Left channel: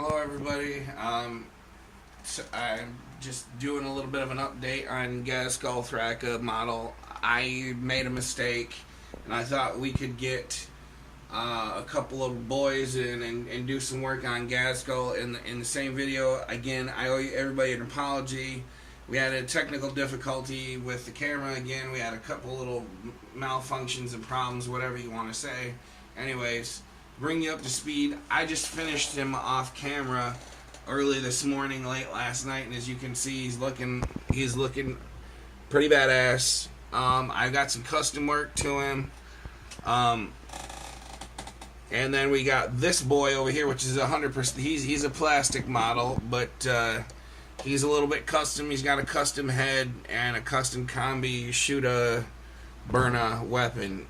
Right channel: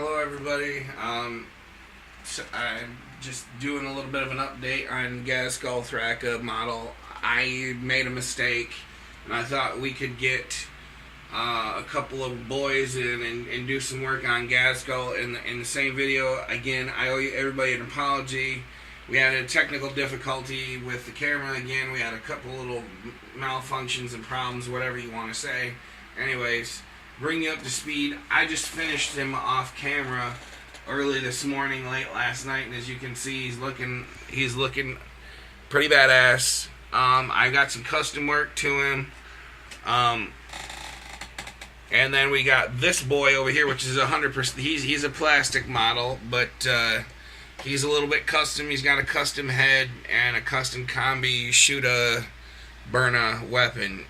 Hello everybody. So I'm just doing a little bit of an update on ghazghkull thraka model. I made a mistake, and I thought we could get a couple of boys in and do some work on ghazghkull in the same video. Again, I owe everybody an apology. We had a technical difficulty with the camera again. We had a couple little malfunctions and problems, whatever you want to say. Anyways, bring you up to speed. I just finished him off camera early this morning, late last night, and as you can see, he's looking pretty badass. I got some custom work to him, and then we got this boy over here, which is 100%. He's a plastic model, but he's a little bit custom. He's got a custom head and a custom combi shoota burna weapon.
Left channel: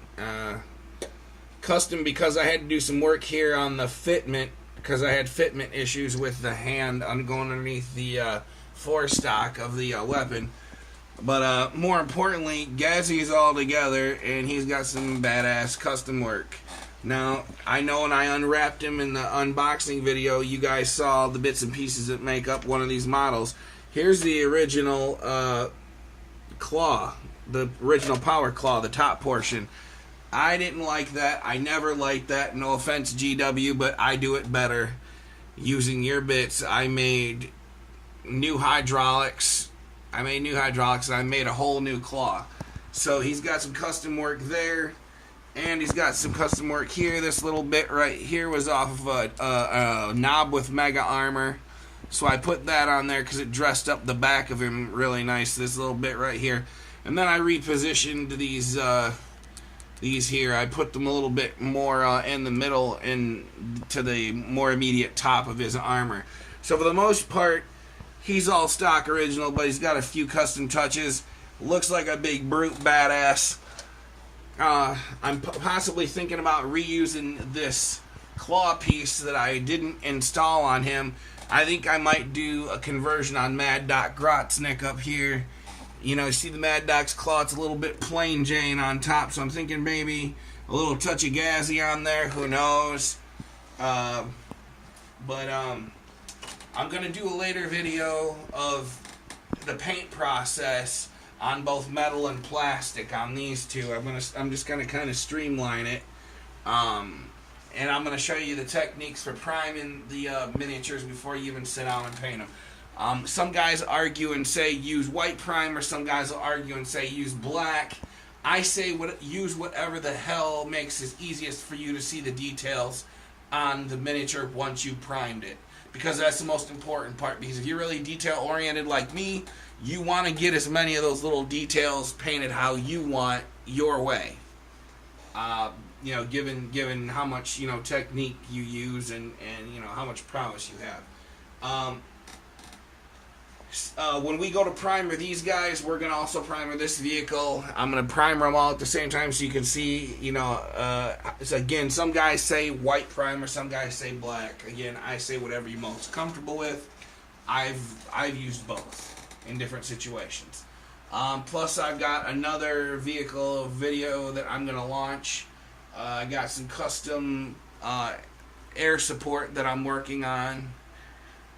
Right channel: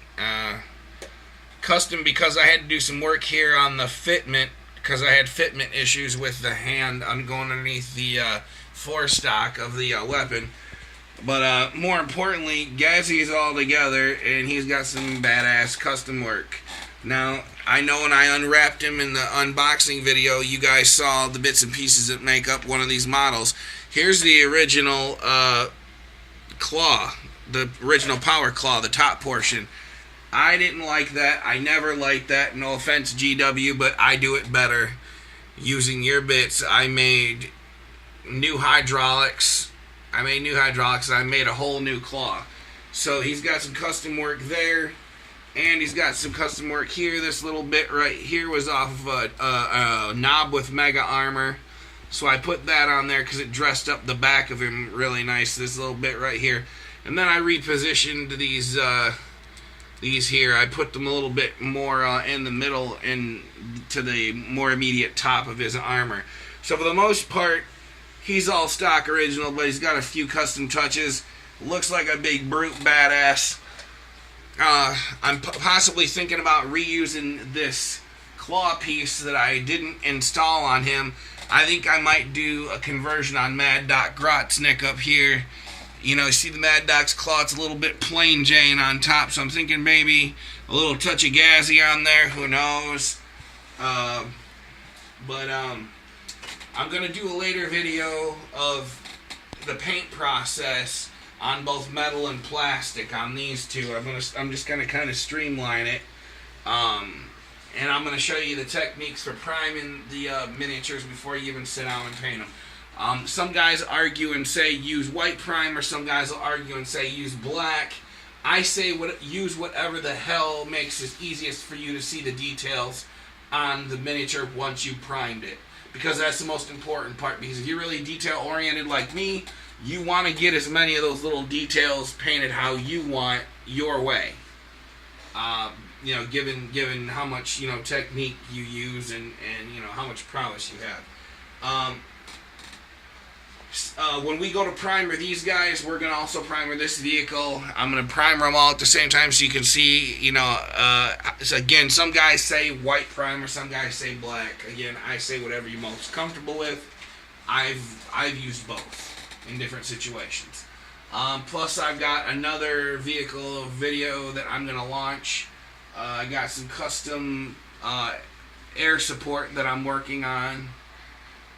Custom because I had to do some work here on the fitment, because I had fitment issues with the hand. I'm going underneath the forestock of the weapon. But more importantly, Gazzy's all together, and he's got some badass custom work. Now, I know when I unwrapped him in the unboxing video, you guys saw the bits and pieces that make up one of these models. Here's the original claw, the original power claw, the top portion. I didn't like that. I never liked that. No offense, GW, but I do it better. Using your bits, I made new hydraulics. And I made a whole new claw. So he's got some custom work there. And he's got some custom work here. This little bit right here was off of a knob with mega armor. So I put that on there because it dressed up the back of him really nice. This little bit right here. And then I repositioned these here. I put them a little bit more in the middle and to the more immediate top of his armor. So for the most part, he's all stock original, but he's got a few custom touches. Looks like a big brute badass. I'm possibly thinking about reusing this claw piece that I didn't install on him. I think I might do a conversion on Mad Doc Grotznick up here. You know, see the Mad Doc's claw, it's a little bit plain Jane on top, so I'm thinking maybe a little touch of Gazzy on there, who knows. I'm going to do a later video of the paint process on both metal and plastic on these two. I'm just going to kind of streamline it. And I'm going to show you the techniques for priming the miniatures before you even sit down and paint them. Some guys argue and say use white primer. Some guys will argue and say use black. I say use whatever the hell makes it easiest for you to see the details on the miniature once you primed it. Because that's the most important part. Because if you're really detail oriented like me, you want to get as many of those little details painted how you want your way. You know, given how much, you know, technique you use and you know how much prowess you have. When we go to primer these guys, we're going to also primer this vehicle. I'm going to primer them all at the same time so you can see, you know, again, some guys say white primer, some guys say black. Again, I say whatever you're most comfortable with. I've used both in different situations. Plus, I've got another vehicle video that I'm going to launch. I got some custom air support that I'm working on.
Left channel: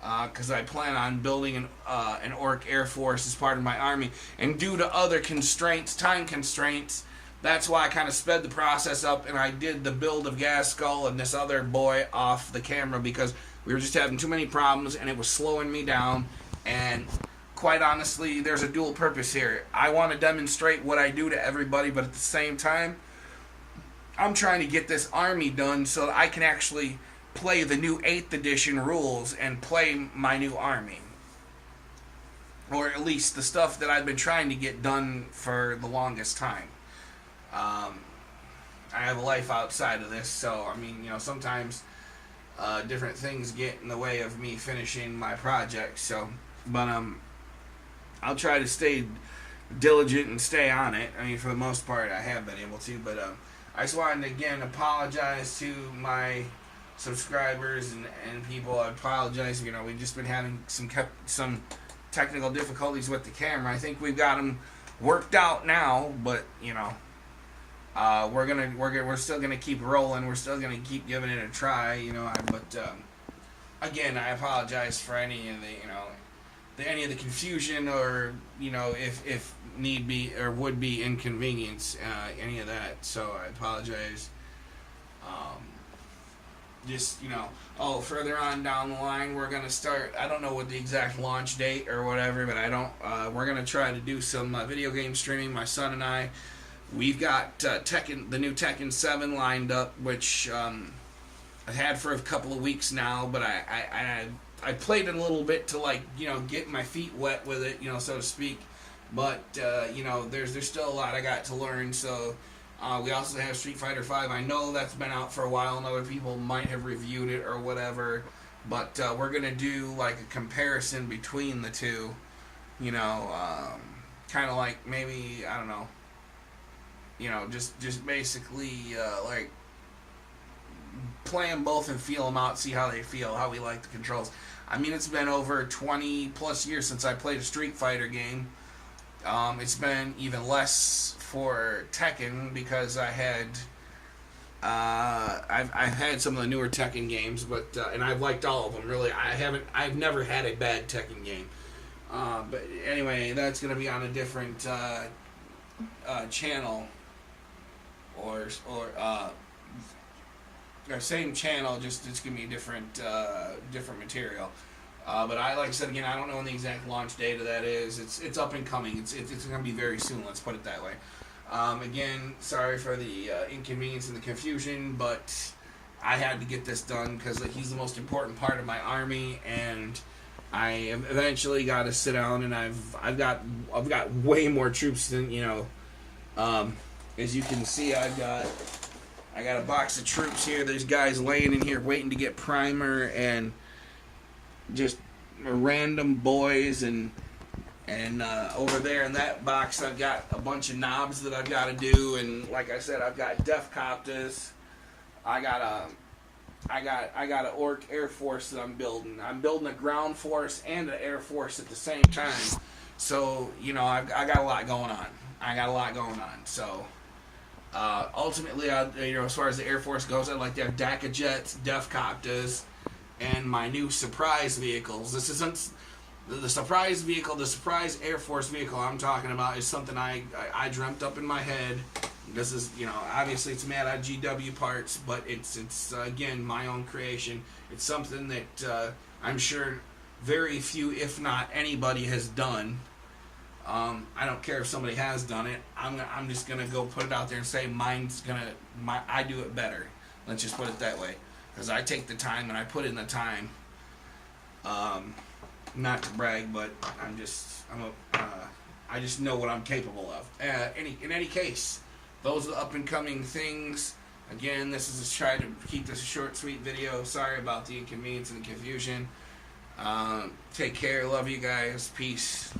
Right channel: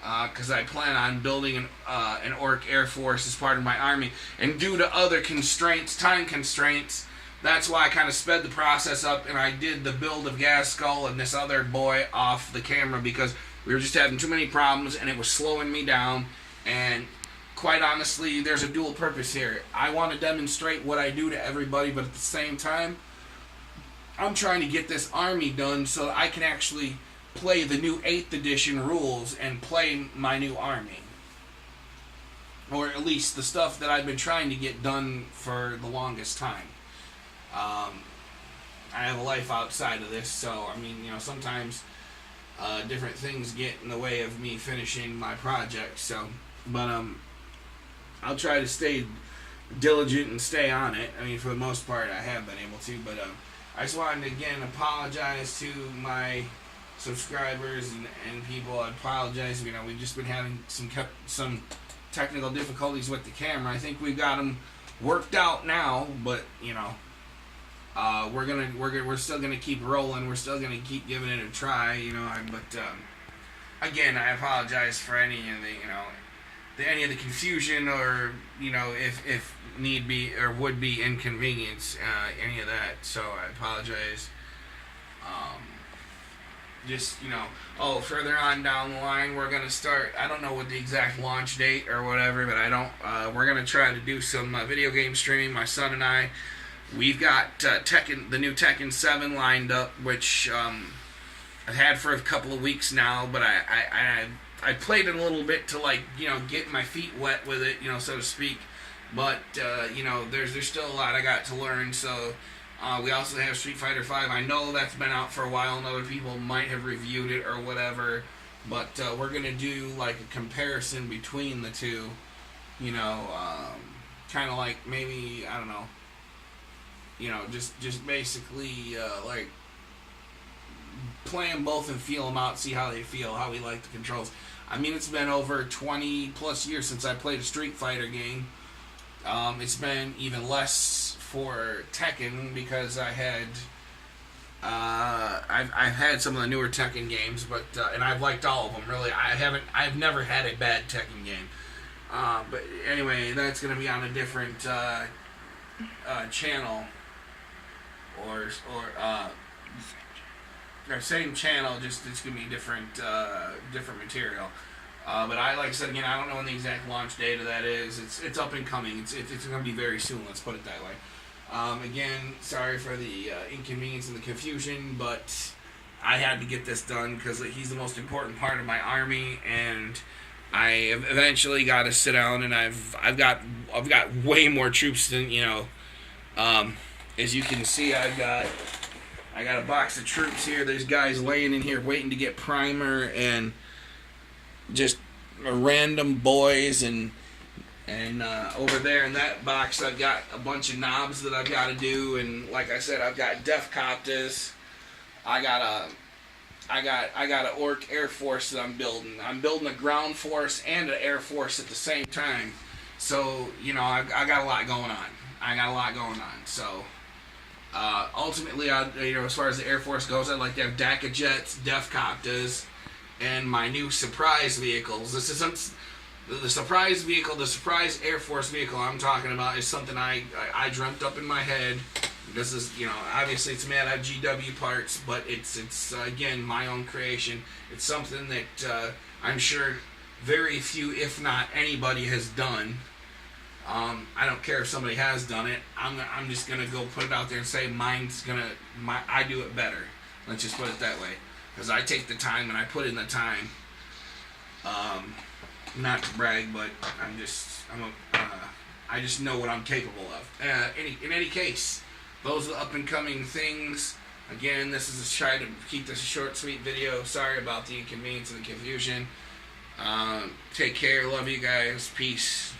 Because I plan on building an Orc Air Force as part of my army. And due to other constraints, time constraints, that's why I kind of sped the process up and I did the build of ghazghkull and this other boy off the camera because we were just having too many problems and it was slowing me down. And quite honestly, there's a dual purpose here. I want to demonstrate what I do to everybody, but at the same time, I'm trying to get this army done so I can actually play the new 8th edition rules and play my new army. Or at least the stuff that I've been trying to get done for the longest time. I have a life outside of this, so I mean, you know, sometimes different things get in the way of me finishing my project. So, but I'll try to stay diligent and stay on it. I mean, for the most part, I have been able to. But I just wanted to again apologize to my subscribers and people. I apologize. You know, we've just been having some technical difficulties with the camera. I think we've got them worked out now, but you know, we're still gonna keep rolling. We're still gonna keep giving it a try. You know, again, I apologize for any of any of the confusion, or if need be or would be inconvenience, any of that. So I apologize. Just further on down the line, we're gonna start. I don't know what the exact launch date or whatever, but we're gonna try to do some video game streaming. My son and I, we've got the new Tekken 7 lined up, which I've had for a couple of weeks now. But I played it a little bit to get my feet wet with it, so to speak. But there's still a lot I got to learn. So. We also have Street Fighter V. I know that's been out for a while, and other people might have reviewed it or whatever. But we're gonna do like a comparison between the two. Kind of like maybe I don't know. Just basically like play them both and feel them out, see how they feel, how we like the controls. I mean, it's been over 20 plus years since I played a Street Fighter game. It's been even less for Tekken because I've had some of the newer Tekken games, but and I've liked all of them really. I've never had a bad Tekken game. But anyway, that's gonna be on a different channel, or same channel, just it's gonna be different material. But like I said again, I don't know when the exact launch date of that is. It's up and coming. It's going to be very soon. Let's put it that way. Again, sorry for the inconvenience and the confusion, but I had to get this done because he's the most important part of my army, and I eventually got to sit down, and I've got way more troops than as you can see, I got a box of troops here. There's guys laying in here waiting to get primer, and just random boys, and over there in that box I've got a bunch of knobs that I've got to do, and like I said, I've got ghazghkull. I got an orc air force that I'm building. I'm building a ground force and an air force at the same time. So I got a lot going on. So ultimately, as far as the air force goes, I'd like to have DACA jets, ghazghkull, and my new surprise vehicles. This isn't the surprise vehicle. The surprise Air Force vehicle I'm talking about is something I dreamt up in my head. This is obviously it's made out of GW parts, but it's again my own creation. It's something that I'm sure very few, if not anybody, has done. I don't care if somebody has done it. I'm just gonna go put it out there and say I do it better. Let's just put it that way. Because I take the time and I put in the time. Not to brag, but I just know what I'm capable of. In any case, those are the up and coming things. Again, this is try to keep this a short, sweet video. Sorry about the inconvenience and the confusion. Take care. Love you guys. Peace.